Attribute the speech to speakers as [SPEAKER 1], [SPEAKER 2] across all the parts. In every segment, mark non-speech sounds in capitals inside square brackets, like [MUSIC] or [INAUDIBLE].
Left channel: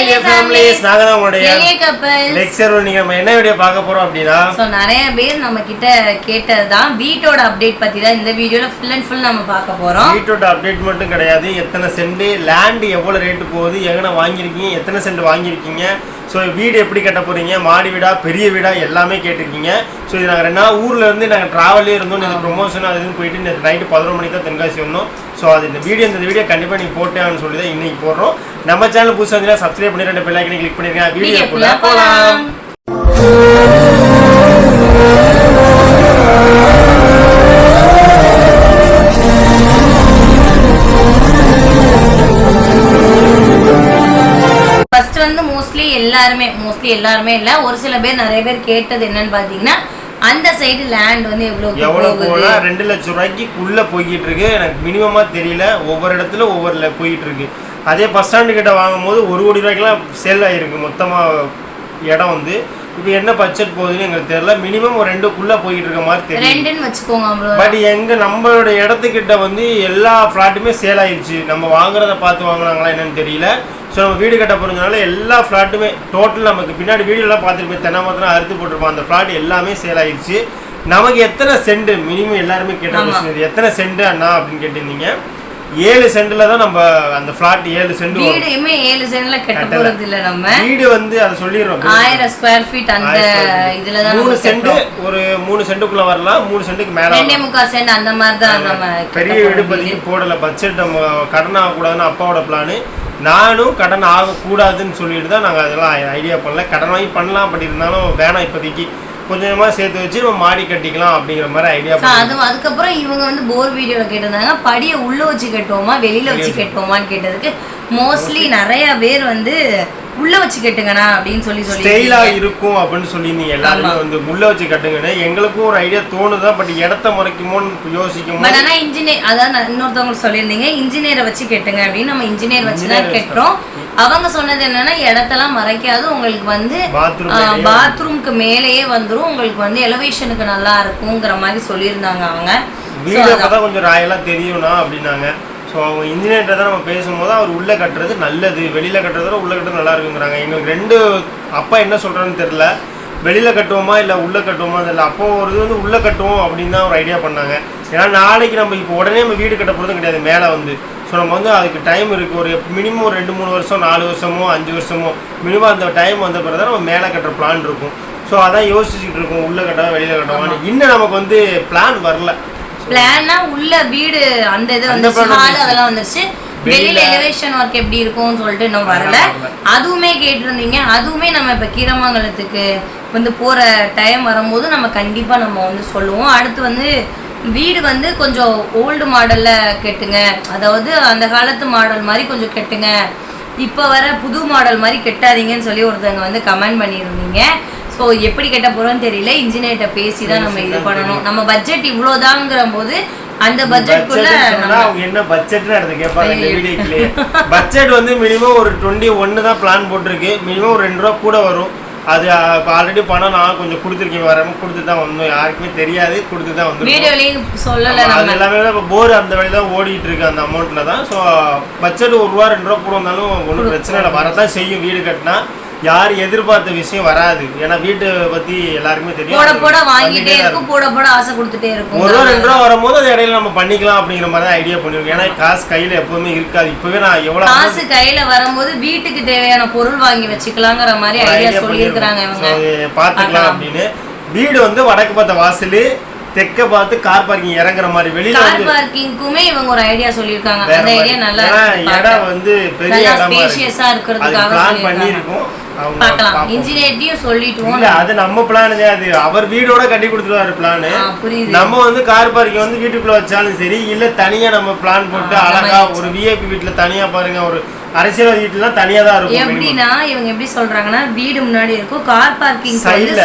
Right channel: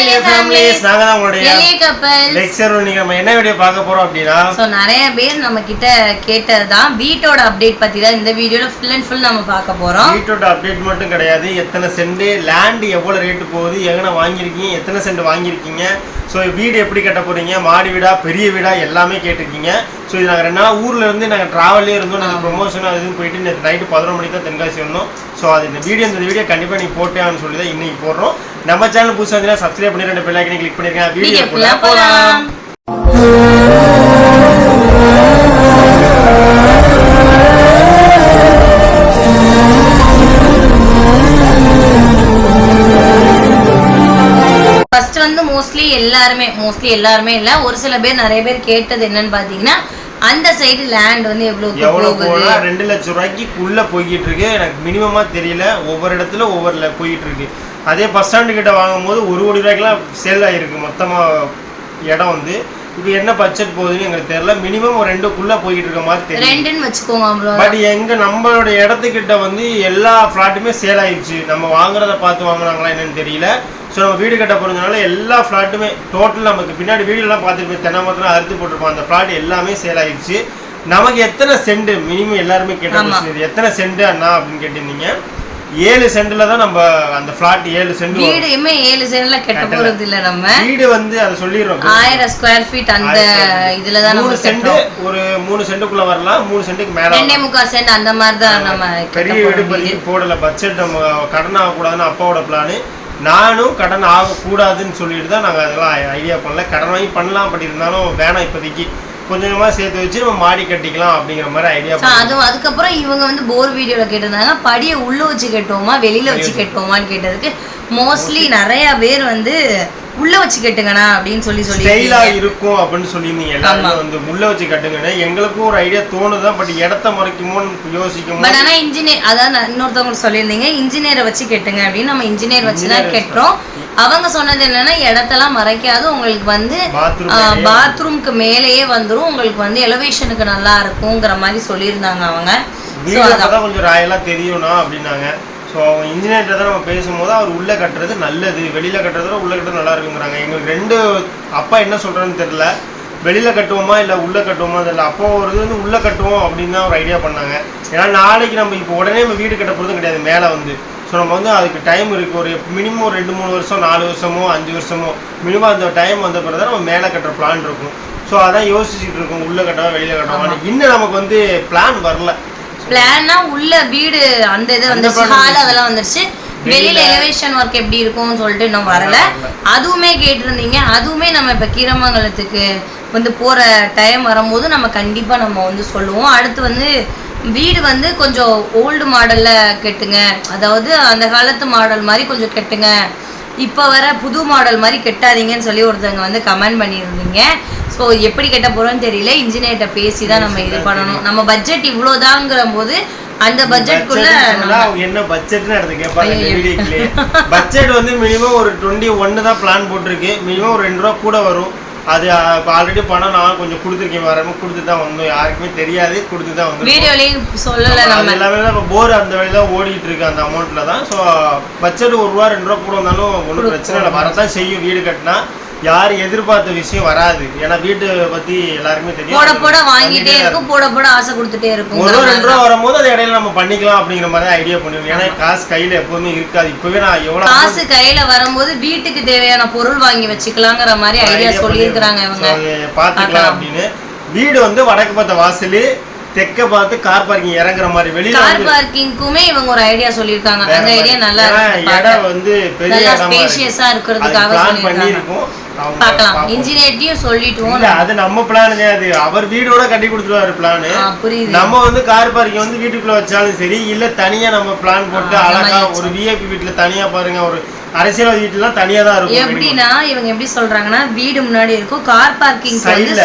[SPEAKER 1] இளைய ஃபேமிலிஸ் நாங்க தான் உங்களுடைய எளிய
[SPEAKER 2] couples. லெக்சர்
[SPEAKER 1] நீங்க நம்ம என்ன வீடியோ பார்க்க போறோம் அப்படின்னா ஸோ
[SPEAKER 2] நிறைய பேர் நம்ம கிட்ட கேட்டது தான் வீட்டோட அப்டேட் பத்தி தான் இந்த வீடியோல ஃபுல் அண்ட் ஃபுல் நம்ம
[SPEAKER 1] பார்க்க போறோம். வீட்டோட அப்டேட் மட்டும் கிடையாது. எத்தனை சென்ட் லேண்ட் எவ்வளவு ரேட்டு போகுது எங்கன வாங்கியிருக்கீங்க எத்தனை சென்ட் வாங்கியிருக்கீங்க. ஸோ வீடு எப்படி கட்ட போறீங்க மாடி வீடா பெரிய வீடா எல்லாமே கேட்டிருக்கீங்க. ஸோ இது நாங்கள் ரெண்டு நாள் ஊர்ல இருந்து நாங்கள் ட்ராவலே இருந்தோம். நீங்கள் ப்ரொமோஷன் அது போயிட்டு நேற்று நைட்டு பதினொரு மணிக்கு தான் தென்காசி வந்தோம். ஸோ அது இந்த வீடியோ இந்த வீடியோ கண்டிப்பாக நீங்கள் போட்டேன்னு சொல்லி தான் இன்னைக்கு போடுறோம். நம்ம சேனல் புதுசாக இருந்தீங்கன்னா சப்ஸ்கிரைப் பண்ணி ரெண்டு பெல் ஐக்கனை
[SPEAKER 2] கிளிக் பண்ணிருக்கேன் வீடியோ வீடியோக்குள்ள போகலாம் ஃபர்ஸ்ட் வந்து மோஸ்ட்லி எல்லாருமே மோஸ்ட்லி எல்லாருமே இல்ல. ஒரு சில பேர் நிறைய பேர் கேட்டது என்னன்னு பாத்தீங்கன்னா அந்த சைடு லேண்ட் வந்து
[SPEAKER 1] எவ்வளவு போகுது? போனா ரெண்டு லட்சம் ரூபாய்க்கு உள்ள போய்கிட்டு இருக்கு. எனக்கு மினிமமா தெரியல. ஒவ்வொரு இடத்துல ஒவ்வொரு போயிட்டு இருக்கு. அதே பஸ் ஸ்டாண்டு கிட்ட வாங்கும்போது ஒரு கோடி ரூபாய்க்குலாம் சேல் ஆயிருக்கு. மொத்தமா இடம் வந்து. இப்போ என்ன பட்ஜெட் போகுதுன்னு எங்களுக்கு தெரியல. மினிமம் ஒரு ரெண்டுக்குள்ள போய்கிட்டு இருக்க மாதிரி
[SPEAKER 2] தெரியும்
[SPEAKER 1] பட் எங்க நம்மளோட இடத்துக்கிட்ட வந்து எல்லா ஃப்ளாட்டுமே சேல் ஆயிடுச்சு. நம்ம வாங்குறத பார்த்து வாங்குனாங்களா என்னன்னு தெரியல. ஸோ நம்ம வீடு கட்ட போறதுனால எல்லா ஃப்ளாட்டுமே டோட்டல் நமக்கு பின்னாடி வீடுலாம் பார்த்துருப்போம் தென்னை மரத்தில் அறுத்து போட்டிருப்போம் அந்த ஃப்ளாட் எல்லாமே சேல் ஆயிடுச்சு. நமக்கு எத்தனை சென்ட் மினிமம் எல்லாருமே கேட்ட. கொஸ்டின் எத்தனை சென்ட் அண்ணா அப்படின்னு கேட்டிருந்தீங்க. ஏழு சென்ட்ல தான் நம்ம அந்த ஃப்ளாட்
[SPEAKER 2] ஏழு சென்ட் வீடுமே ஏழு சென்ட்ல கட்ட. போறது இல்ல நம்ம.
[SPEAKER 1] வீடு வந்து அதை சொல்லிடுறோம். ஆயிரம் ஸ்கொயர் ஃபீட் அந்த. இதுல தான் மூணு சென்ட் ஒரு மூணு சென்ட்டுக்குள்ள வரலாம். மூணு சென்ட்டுக்கு மேல ரெண்டே முக்கால்
[SPEAKER 2] சென்ட் அந்த மாதிரி தான் நம்ம பெரிய வீடு
[SPEAKER 1] பதிக்கு போடல. பட்ஜெட் நம்ம கடன் ஆகக்கூடாதுன்னு அப்பாவோட பிளானு நானும் கடன் ஆகக்கூடாதுன்னு சொல்லிட்டு தான் நாங்கள் அதெல்லாம் ஐடியா பண்ணல. கடன் வாங்கி பண்ணலாம் அப்படி இருந்தாலும் வேணாம் இப்போதைக்கு. கொஞ்சம் சேர்த்து வச்சு நம்ம மாடி கட்டிக்கலாம் அப்படிங்கிற மாதிரி
[SPEAKER 2] ஐடியா அது அதுக்கப்புறம் இவங்க வந்து போர் வீடியோல கேட்டிருந்தாங்க. படியை உள்ள வச்சு கட்டுவோமா வெளியில வச்சு கட்டுவோமான்னு கேட்டதுக்கு மோஸ்ட்லி நிறைய பேர் வந்து உள்ள வச்சு கட்டுங்கண்ணா அப்படின்னு சொல்லி
[SPEAKER 1] சொல்லி ஸ்டைலா இருக்கும் அப்படின்னு சொல்லியிருந்தீங்க. எல்லாருமே வந்து முள்ள வச்சு கட்டுங்கன்னு எங்களுக்கும் ஒரு ஐடியா தோணுதான் பட் இடத்த மறைக்குமோன்னு யோசிக்கும் ஆனா
[SPEAKER 2] இன்ஜினியர் அதாவது நான் இன்னொருத்தவங்களுக்கு சொல்லியிருந்தீங்க. இன்ஜினியரை வச்சு கட்டுங்க அப்படின்னு நம்ம இன்ஜினியர் வச்சு தான் கட்டுறோம் அவங்க சொன்னது என்னன்னா இடத்தெல்லாம் மறைக்காது. உங்களுக்கு வந்து பாத்ரூம் பாத்ரூம்க்கு மேலேயே வந்துரும். உங்களுக்கு வந்து எலவேஷனுக்கு நல்லா இருக்குங்கிற மாதிரி சொல்லியிருந்தாங்க அவங்க.
[SPEAKER 1] வீடு கொஞ்சம் ராயலா தெரியும்னா அப்படின்னாங்க. ஸோ அவங்க இன்ஜினியர்கிட்ட தான் நம்ம பேசும்போது அவர் உள்ளே கட்டுறது நல்லது வெளியில் கட்டுறதோட உள்ளே கட்டுறது நல்லா இருக்குங்கிறாங்க. எங்களுக்கு ரெண்டு அப்பா என்ன சொல்கிறான்னு தெரில வெளியில் கட்டுவோமா இல்லை உள்ளே கட்டுவோமா தெரியல. அப்போ ஒரு இது வந்து உள்ளே கட்டுவோம் அப்படின்னு தான் ஒரு ஐடியா பண்ணாங்க. ஏன்னா நாளைக்கு நம்ம இப்போ உடனே நம்ம வீடு கட்ட போகிறதும் கிடையாது மேலே வந்து. ஸோ நம்ம வந்து அதுக்கு டைம் இருக்குது ஒரு மினிமம் ஒரு ரெண்டு மூணு வருஷம் நாலு வருஷமோ அஞ்சு வருஷமோ மினிமம் அந்த டைம் வந்த பிறகு தான் நம்ம மேலே கட்டுற பிளான் இருக்கும். ஸோ அதான் யோசிச்சுட்டு இருக்கோம். உள்ளே கட்டவா வெளியில் கட்டவா இன்னும் நமக்கு வந்து
[SPEAKER 2] பிளான் வரல. பிளான்னா உள்ள வீடு அந்த இது plan ஹால் அதெல்லாம் வந்துருச்சு. வெளியில எலிவேஷன் ஒர்க் எப்படி இருக்கும்னு சொல்லிட்டு இன்னும் வரல. வரல. அதுவுமே கேட்டிருந்தீங்க. அதுவுமே நம்ம இப்ப கீரமங்கலத்துக்கு வந்து போற டைம் வரும்போது நம்ம கண்டிப்பா நம்ம வந்து சொல்லுவோம். அடுத்து வந்து வீடு வந்து கொஞ்சம் ஓல்டு மாடல்ல கட்டுங்க. அதாவது அந்த காலத்து மாடல் மாதிரி கொஞ்சம் கட்டுங்க. இப்போ வர புது மாடல் மாதிரி கட்டாதீங்கன்னு சொல்லி ஒருத்தவங்க வந்து கமெண்ட் பண்ணியிருந்தீங்க. ஸோ எப்படி கட்ட போறோம்னு தெரியல. இன்ஜினியர்கிட்ட பேசி தான் நம்ம இது பண்ணணும். நம்ம பட்ஜெட் இவ்வளோதாங்கிற போது அந்த
[SPEAKER 1] பட்ஜெட்குள்ள அவங்க என்ன பட்ஜெட்னு எடுத்து கேட்பாங்க இந்த வீடியோக்குள்ளே. பட்ஜெட் வந்து மினிமம் ஒரு டுவெண்ட்டி ஒன்று தான் பிளான் போட்டிருக்கு. மினிமம் ஒரு ரெண்டு ரூபா கூட வரும். அது ஆல்ரெடி பணம் நான் கொஞ்சம் கொடுத்துருக்கேன். வரமா கொடுத்து தான் வந்தோம். யாருக்குமே தெரியாது. கொடுத்து தான்
[SPEAKER 2] வந்தோம் வீடியோலையும் சொல்லலை அது எல்லாமே
[SPEAKER 1] தான் இப்போ போர் அந்த வழி தான் ஓடிட்டு இருக்கு அந்த அமௌண்ட்ல தான். ஸோ பட்ஜெட் ஒரு ரூபா ரெண்டு ரூபா கூட வந்தாலும் ஒன்றும் பிரச்சனை இல்லை. வரதான் செய்யும். வீடு கட்டினா. யார் எதிர்பார்த்த விஷயம் வராது. ஏன்னா வீட்டு பத்தி
[SPEAKER 2] எல்லாருக்குமே தெரியும். போட போட வாங்கிட்டே இருக்கும் போட போட ஆசை கொடுத்துட்டே இருக்கும். ஒரு ரூபா ரெண்டு ரூபா
[SPEAKER 1] வரும்போது அது இடையில நம்ம பண்ணிக்கலாம் அப்படிங்கிற மாதிரி தான் ஐடியா பண்ணுவோம் ஏன்னா காசு கையில எப்பவுமே இருக்காது.
[SPEAKER 2] இப்பவே நான் எவ்வளவு காசு கையில வரும்போது வீட்டுக்கு தேவையான பொருள் வாங்கி வச்சுக்கலாங்கிற மாதிரி ஐடியா
[SPEAKER 1] சொல்லியிருக்கிறாங்க பண்ணிருக்கோம். இவங்க. பாத்துக்கலாம் அப்படின்னு. வீடு வந்து வடக்கு பார்த்த வாசல் தெற்க பார்த்து கார் பார்க்கிங்
[SPEAKER 2] இறங்குற மாதிரி வெளியில கார் பார்க்கிங்க்குமே இவங்க ஒரு ஐடியா சொல்லியிருக்காங்க.
[SPEAKER 1] வேற அந்த. ஐடியா நல்லா இருக்கு. இடம். வந்து பெரிய இடமா ஸ்பேஷியஸா இருக்கிறதுக்காக பிளான்
[SPEAKER 2] அவங்க பார்க்கலாம். இன்ஜினியர்ட்டையும் சொல்லிட்டுவோம்
[SPEAKER 1] இல்ல அது நம்ம பிளான் அது அவர் வீடோட கட்டி கொடுத்துருவாரு பிளான் நம்ம வந்து கார் பார்க்கிங் வந்து வீட்டுக்குள்ள வச்சாலும் சரி இல்ல தனியா நம்ம பிளான் போட்டு அழகா ஒரு விஐபி வீட்டுல தனியா பாருங்க. ஒரு அரசியல் வீட்டுலாம் தனியா தான் இருக்கும்.
[SPEAKER 2] எப்படின்னா இவங்க எப்படி சொல்றாங்கன்னா வீடு முன்னாடி இருக்கும். Car parking.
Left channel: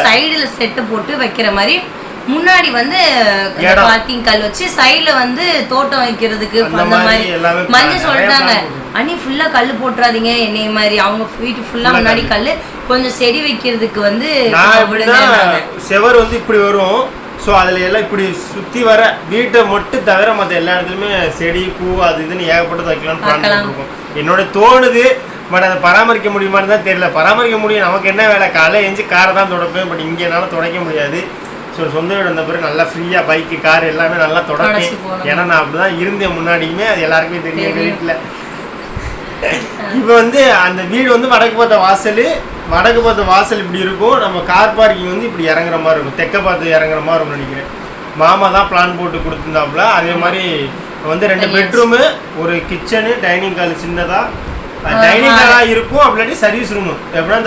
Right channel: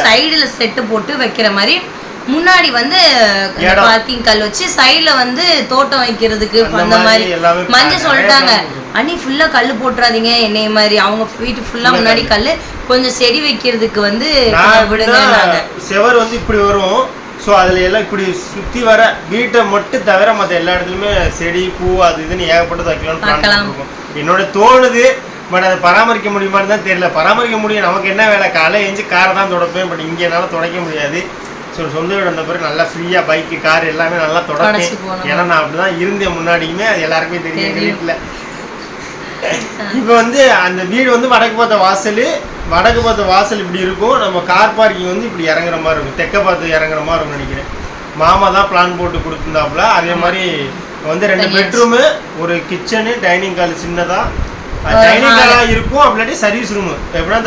[SPEAKER 2] சைடுல செட்டு போட்டு வைக்கிற மாதிரி முன்னாடி வந்து. பார்க்கிங் கல் வச்சு சைடுல வந்து தோட்டம் வைக்கிறதுக்கு அந்த மாதிரி மஞ்சள் சொல்லிட்டாங்க. அண்ணி ஃபுல்லா கல் போட்டுறாதீங்க என்னைய மாதிரி. அவங்க வீட்டு ஃபுல்லா முன்னாடி கல் கொஞ்சம் செடி வைக்கிறதுக்கு வந்து
[SPEAKER 1] செவர் வந்து இப்படி வரும். ஸோ அதில் எல்லாம் இப்படி சுற்றி வர வீட்டை மட்டும் தவிர மற்ற எல்லா இடத்துலையுமே செடி பூ அது இதுன்னு ஏகப்பட்டது வைக்கலாம்னு பிளான். பண்ணிருக்கோம் என்னோட தோணுது பட் அதை பராமரிக்க முடியுமான்னு தான் தெரியல. பராமரிக்க முடியும். நமக்கு என்ன வேலை? காலைல எஞ்சி காரை தான் துடைப்பேன் பட் இங்கே என்னால் துடைக்க முடியாது. ஸோ சொந்த வீடு வந்த பிறகு நல்லா ஃப்ரீயாக பைக்கு கார் எல்லாமே நல்லா போகணும். ஏன்னா நான் அப்படி தான் இருந்தேன் முன்னாடியுமே. அது எல்லாருக்குமே தெரியும் எங்கள். வீட்டில் இப்போ வந்து அந்த வீடு வந்து வடக்கு பார்த்த வாசல். வடக்கு பார்த்த வாசல் இப்படி இருக்கும். நம்ம கார் பார்க்கிங் வந்து இப்படி இறங்குற மாதிரி இருக்கும். தெற்க பார்த்து இறங்குற மாதிரி இருக்கும்னு நினைக்கிறேன். மாமா தான் பிளான் போட்டு கொடுத்துருந்தாப்புல. அதே மாதிரி வந்து ரெண்டு பெட்ரூமு ஒரு கிச்சனு டைனிங் ஹால் சின்னதா. டைனிங் ஹாலா இருக்கும் அப்படி சர்வீஸ் ரூமு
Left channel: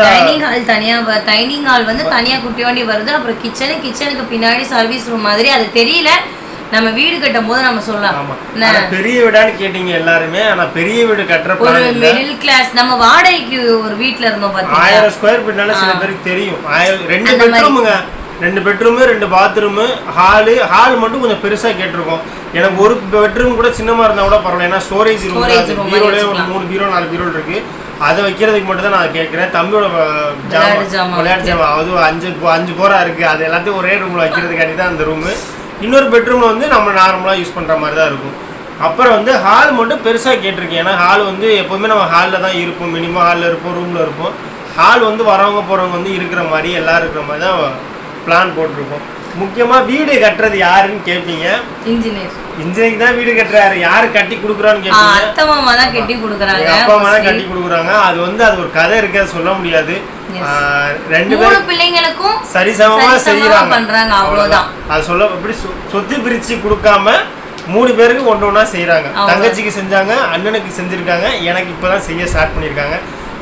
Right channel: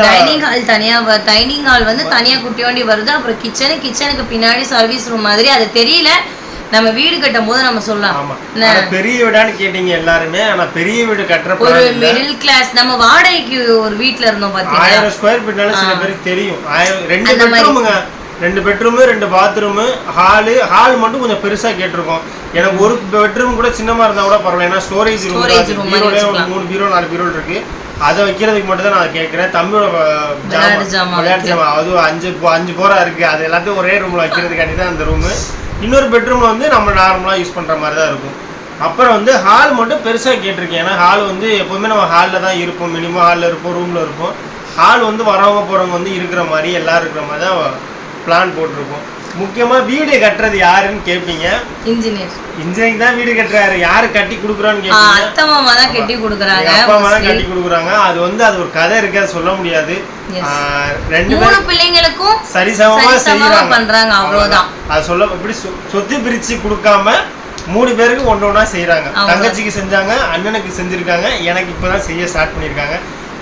[SPEAKER 1] டைனிங் ஹால் தனியா
[SPEAKER 2] டைனிங் ஹால் வந்து தனியா குட்டி வண்டி வருது அப்புறம் கிச்சனு கிச்சனுக்கு பின்னாடி சர்வீஸ் ரூம் மாதிரி அது தெரியல. நம்ம வீடு கட்டும் போது நம்ம சொல்லலாம். ஆமா.
[SPEAKER 1] பெரிய வீடான்னு கேட்டீங்க எல்லாருமே ஆனா பெரிய வீடு கட்டுற ஒரு மிடில் கிளாஸ் நம்ம
[SPEAKER 2] வாடகைக்கு ஒரு வீட்ல இருந்தோம் பாத்தீங்களா?
[SPEAKER 1] ஆயிரம் ஸ்கொயர் ஃபீட்னால சில பேருக்கு தெரியும். ஆயிரம் ரெண்டு. பெட்ரூமுங்க ரெண்டு பெட்ரூமு ரெண்டு பாத்ரூமு ஹாலு ஹால் மட்டும் கொஞ்சம் பெருசா கேட்டிருக்கோம். எனக்கு ஒரு பெட்ரூம் கூட சின்னமா இருந்தா கூட பரவாயில்ல. ஏன்னா ஸ்டோரேஜ் ரூம் பீரோலே ஒரு. மூணு பீரோ நாலு பீரோ இருக்கு. அதை வைக்கிறதுக்கு மட்டும் தான் நான் கேட்குறேன். தம்பியோட விளையாட்டு ஜாமான் அதுவும் அஞ்சு அஞ்சு போரா இருக்கு. அது எல்லாத்தையும் ஒரே ரூம்ல வைக்கிறதுக்காண்டி தான் அந்த ரூமு இன்னொரு பெட்ரூம்ல வந்து நம்ம நார்மலா யூஸ் பண்ற மாதிரி தான் இருக்கும். அப்புறம் வந்து ஹால் மட்டும் பெருசாக கேட்டிருக்கேன். ஏன்னா ஹால் வந்து எப்போதுமே நம்ம ஹாலில் தான் இருப்போம். மினிமம் ஹாலில் இருப்போம் ரூமில் இருப்போம். ஹால் வந்து வரவங்க போகிறவங்க வந்து இருக்கிற மாதிரி எல்லாரும் இருக்கிற மாதிரி தான் பிளான் போட்டிருக்கோம். முக்கியமாக வீடு கட்டுறது யாருன்னு கேட்பீங்க
[SPEAKER 2] இன்ஜினியர் இன்ஜினியரிங்
[SPEAKER 1] தான் வீடு கட்டுறாரு. யாரு கட்டி கொடுக்குறான்னு
[SPEAKER 2] கேட்பீங்க அத்தை மாமா தான் கட்டி கொடுக்குறாங்க. அப்பா
[SPEAKER 1] அம்மா தான் கட்டி கொடுக்குறாங்க. அது வந்து அது ஒரு கதை இருக்கு சொல்ல முடியாது.
[SPEAKER 2] ரெண்டு பேரும் பிள்ளைங்களுக்கும் சரிசமமா செய்யறாங்க பண்றாங்க, அவ்வளவுதான்.
[SPEAKER 1] அது சொல்ல இப்படி சொத்து பிரிச்சு கொடுக்காம மூணு பேருக்கு ஒன்று ஒன்றா செய்கிறாங்க. தங்கச்சிக்கு செஞ்சாங்க அண்ணனுக்கு செஞ்சிருக்காங்க. எனக்கு இப்போ தான் செய்ய ஸ்டார்ட் பண்ணியிருக்காங்க.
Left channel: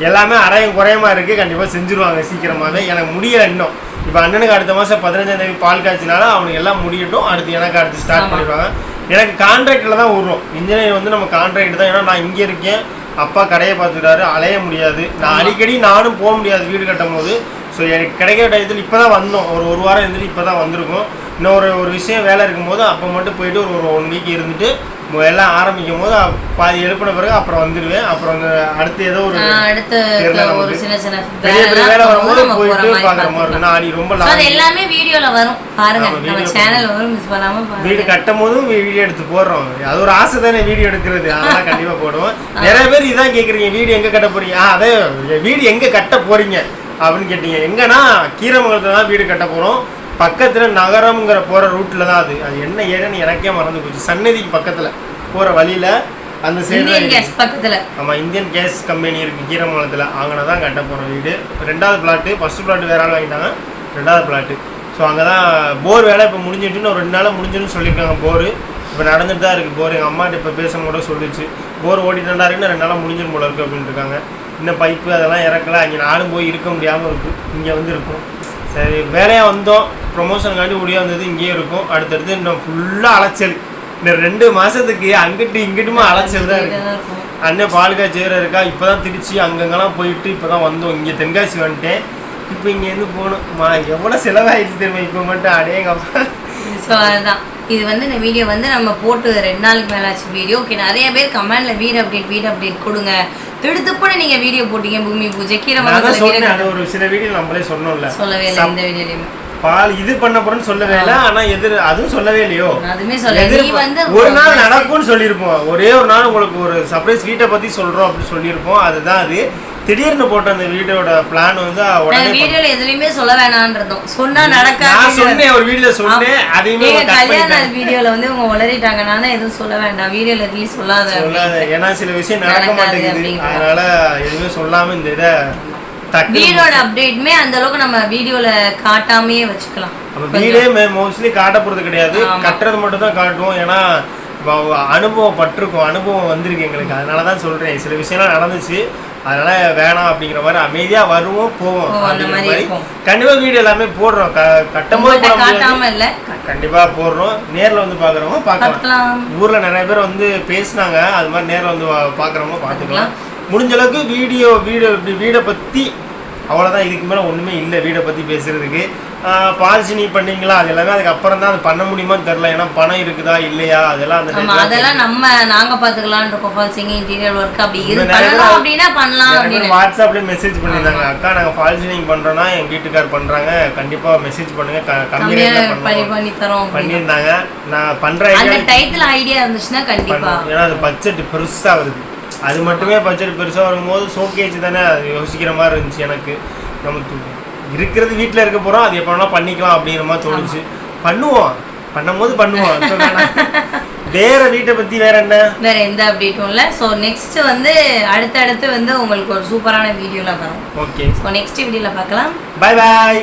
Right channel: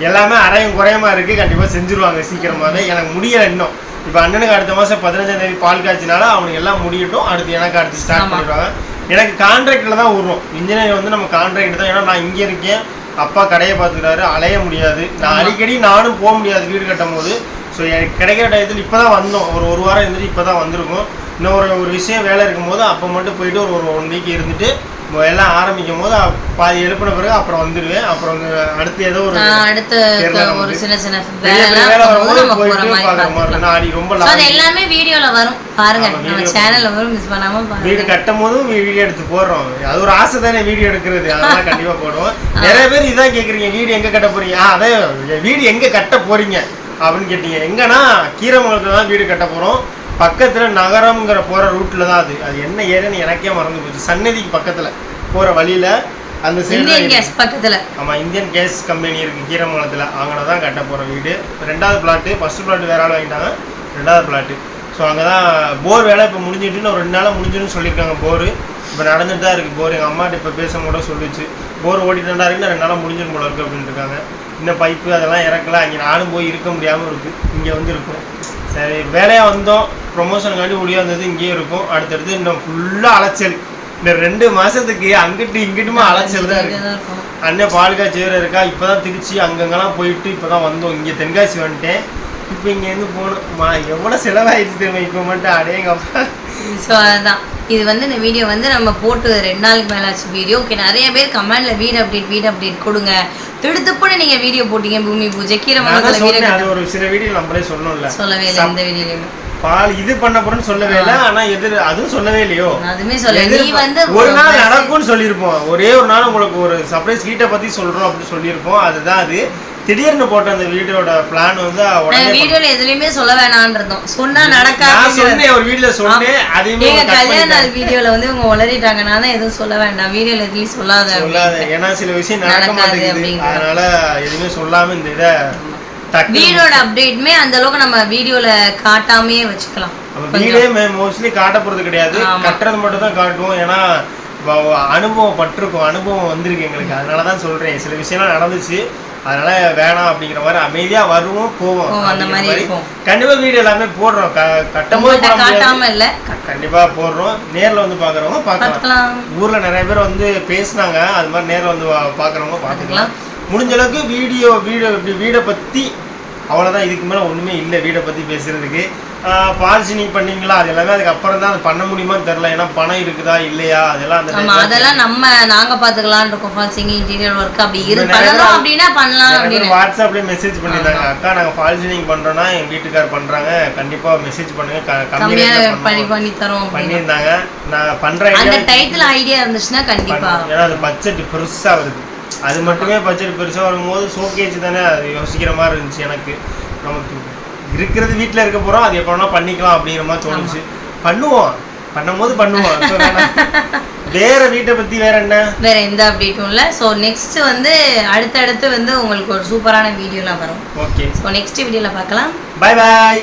[SPEAKER 1] எல்லாமே அரையும் குறையமா இருக்கு? கண்டிப்பாக செஞ்சுருவாங்க சீக்கிரமாவே. எனக்கு முடியல இன்னும். இப்போ அண்ணனுக்கு அடுத்த மாதம் பதினஞ்சாம் தேதி பால் காய்ச்சினால அவனுக்கு எல்லாம் முடியட்டும். அடுத்து எனக்கு அடுத்து ஸ்டார்ட். பண்ணிடுவாங்க. எனக்கு கான்ட்ராக்டில் தான் விடுறோம். இன்ஜினியர் வந்து நம்ம கான்ட்ராக்ட் தான். ஏன்னா நான் இங்கே இருக்கேன். அப்பா கடையை பார்த்துக்கிறாரு. அலைய முடியாது. நான் அடிக்கடி நானும் போக முடியாது வீடு கட்டும் போது ஸோ எனக்கு கிடைக்கிற டயத்தில் இப்போ தான் வந்தோம். ஒரு ஒரு வாரம் இருந்துட்டு இப்போ தான் வந்திருக்கோம். இன்னும் ஒரு ஒரு விஷயம் வேலை இருக்கும்போது அப்போ மட்டும் போயிட்டு ஒரு ஒரு ஒன் வீக் இருந்துட்டு எல்லாம் ஆரம்பிக்கும் போது பாதி எழுப்பின பிறகு அப்புறம் வந்துடுவேன் அப்புறம் வந்து அடுத்து ஏதோ ஒரு அடுத்த
[SPEAKER 2] ஒரு. சின்ன சின்ன பெரிய பெரிய வேலை வரும்போது
[SPEAKER 1] போயிட்டு மாதிரி பார்க்குற மாதிரி இருக்கும் நான் ரொம்ப லாங்
[SPEAKER 2] எல்லாமே வீடியோல வரும். பாருங்க நம்ம சேனல்ல வரும் மிஸ் பண்ணாம பாருங்க. வீடு கட்டும்
[SPEAKER 1] போதும் வீடியோ எடுத்து போடுறோம். அது ஒரு ஆசை தானே வீடியோ எடுக்கிறது. அதெல்லாம் கண்டிப்பா போடுவோம். [LAUGHS] நிறைய பேர் இதான் கேக்குறீங்க வீடு எங்க கட்ட போறீங்க? ஆ, அதே வீடு எங்க கட்ட போறீங்க? அப்படின்னு கேட்டீங்க. எங்கன்னா கீரமங்கலத்துல தான் வீடு கட்ட போறோம். பக்கத்துல நகரம்ங்கிற போற ரூட்ல தான் அது. அது என்ன ஏரியான்னு எனக்கே மறந்து போச்சு. சன்னதிக்கு பக்கத்துல போற வழியில
[SPEAKER 2] அந்த சைடு பக்கத்துல. ஆமா இந்தியன்
[SPEAKER 1] கேஸ் கம்பெனி இருக்கு கீரமங்கலத்தில். அங்கே தான் கட்ட போகிற வீடு. ரெண்டாவது பிளாட்டு ஃபர்ஸ்ட் பிளாட் வேற ஆள் வாங்கிட்டாங்க. ரெண்டாவது பிளாட்டு ஸோ அங்கே தான் போர் வேலை இப்போ முடிஞ்சிட்டுன்னு ஒரு ரெண்டு நாளாக முடிஞ்சுன்னு சொல்லியிருக்காங்க போர் இப்போ நடந்துட்டு தான் இருக்குது போர் எங்கள் அம்மாட்ட இப்போ பேச கூட சொல்லிச்சு போர் ஓடிட்டு தான் இருக்குன்னு ரெண்டு நாளாக முடிஞ்சிடும் போல இருக்குது அப்படின்ட்டு இருக்காங்க. இந்த பைப்பு அதெல்லாம் இறக்கல. அங்கே நானும் போய் இருக்க முடியாமல் இருக்குது இங்கே வந்து இருக்கும் சரி வேலையாக வந்தோம். ப்ரொமோஷனுக்காண்டி ஒடியா வந்தது இங்கேயே இருக்கும். அடுத்தடுத்து இன்னும் ஃபுல்லாக அலைச்சல். இந்த ரெண்டு மாதத்துக்கு அங்கிட்டு இங்கிட்டுமா அலைச்சல் தான் இருக்கும். அண்ணன் பால்காய் சேர இருக்கா? இப்போ தான் திருச்சி அங்கங்கெல்லாம் போயிட்டு இப்போ தான் வந்தோம். இங்கே தென்காசி வந்துட்டேன். இப்போ இங்கேருந்து போகணும்மா எவ்வளோ செலவாயிடுச்சு தெரியுமா? இப்போ மட்டும் அடேங்கப்பா.
[SPEAKER 2] ஸோ அதுதான் இது வந்து இந்த வீடியோ வந்து நம்ம போட்டு ரெண்டு நாளுக்கு மேலே ஆச்சு வீடியோ ஓகே நிறைய பேர் கமெண்ட்ல வீடு அப்டேட் வீடு அப்டேட் கொடுங்க. திடுத்துப்புன்னு நீங்க வீடியோ போட்டீங்க பூமி பூஜை. கீரை
[SPEAKER 1] அது ஒரு சில வீடியோ நம்மளே சொன்னோம்ல. சொல்லவே இல்லை இந்த வீடியோலையுமே பால் இது பண்ண போறேன்னு சொல்லவே இல்லை ஆனா எதிர் அதுவும் சொல்லவே
[SPEAKER 2] இல்லையோ? நான் அதுவுமே சொல்ல ஒரு நாள்
[SPEAKER 1] நடக்கும்னு சொல்லியிருப்போம். ஒரே ஒரு நாள் உங்களுக்கு ஒரு சர்ப்ரைஸ் வீட்டை பத்தி சொல்றோம் அப்படின்னு சொல்லியிருப்போம். அதுதான் அது. திடீர்னு போட்ட அந்த வீடியோட பிளான் வந்து உடனே நான்
[SPEAKER 2] வீடியோல எதுலயுமே சொல்ல வேணான்றதும். சொன்னா நான்
[SPEAKER 1] நடக்காது. சொன்னேன் ஒரு வீடியோல சொன்னேன்
[SPEAKER 2] அதையுமே கல்யாண. நாள் வீடியோல வந்து இவங்க உளறிட்டாங்க. நான் எதுவும் சொல்ல வேண்டாம். வீடியோல எதுவும் சொல்லாத சொல்லாத. ஏன்னா சில விஷயம்
[SPEAKER 1] நடக்க மாட்டேங்குது. அதனால எதுவுமே சொல்லாம இந்த இதை
[SPEAKER 2] வீடோட அப்டேட்மே அந்த அளவுக்கு நம்ம வீடியோல காட்டாமையே வச்சுக்கலாம்.
[SPEAKER 1] வீடே மோஸ்ட்லி காட்ட போறது கிடையாது. கட்டுறது மட்டும் தான் காட்டுவோம். ஏன்னா அனுபவம் பட்டிருக்கோம். அனுபவம் வந்திருக்கு எங்களுக்கு. அதனால தான் சொல்றேன். சில விஷயம்லாம் நடந்துச்சு. அதனால வேணாம் அப்படிங்கிற மாதிரி அமைதியா வருவோம் போவோம் அந்த மாதிரி. கண்டிப்பா வீடு எல்லாமே போடுறோம்.
[SPEAKER 2] கட்டும் போட முடியாது.
[SPEAKER 1] கண்டிப்பா போடுறோம். நேர்ல வந்து பாக்குறவங்க பார்க்கலாம் ஊர்ல நிறைய பேர் வந்து பேசுனாங்க. அது மாதிரி நேரில் வந்து பார்க்குறவங்க பார்த்துக்கலாம் முடிஞ்ச அளவுக்கு வீடியோ வீடியோ வீடை பற்றி அவ்வளோதான் இதுக்கு மேலே ஒன்றுமே இல்லை. வீடை பற்றி பேசுறதுக்கு. பால்சினி பண்ணீங்களா அது எல்லாமே அதுக்கு அப்புறம் தான். அது பண்ண முடியுமான்னு தெரில ஏன்னா பணம் இருக்குதா இல்லையா? அதெல்லாம் அந்த
[SPEAKER 2] அதெல்லாம் நம்ம நாங்க பாத்துக்கலாம்னு இருக்கோம். ஃபால் சிங்கிங் இன்டீரியர் ஒர்க் அப்படி இரு இன்னும் நிறைய பண்ணலாம் பேர் அப்படின்னா பண்ணலாம் அப்படின்னு. வாட்ஸ்அப்லேயே மெசேஜ்
[SPEAKER 1] பண்ணியிருந்தாங்க. அக்கா நாங்கள் ஃபால் சீலிங் பண்ணுறோன்னா என் வீட்டுக்கார் பண்ணுறாங்க கண்டிப்பாக மெசேஜ் பண்ணுங்க. க- கம்மி கம்மியான
[SPEAKER 2] ரேட்டில் பண்ணி தரோம் பண்ணியிருந்தாங்க. நான் பண்ணுற அந்த டைட்டில் ஐடியா இருந்துச்சுன்னா கண்டிப்பா. ஏன்னா அது பட்ஜெட்
[SPEAKER 1] பெருசாக வருது. அது மட்டுமே பட்ஜெட் பெருசாக வரும்போது ஷோகேஜ் தானே அது யோசிக்கிற மாதிரி இருந்துச்சு எனக்கு. நமக்கு இருக்கிறது வீட்டில் இருக்க போகிறோம் அது எப்போ வேணால் பண்ணிக்கலாம் அப்படிங்கிற மாதிரி தோணுச்சு. பண்ணுவோம். பண்ணும்போது பண்ணுவோம். [LAUGHS] வேற வீட்டை பற்றி வேற என்ன? வேற எந்த அப்டேட்டும்
[SPEAKER 2] இல்லை. ஸோ நெக்ஸ்ட் வந்து அடுத்தடுத்து வந்து உங்களுக்கு ஒரு சூப்பரான வீடியோலாம்
[SPEAKER 1] வரும். ஓகே ஸோ
[SPEAKER 2] நெக்ஸ்ட் வீடியோவில் பார்க்கலாம். பாய் பாய்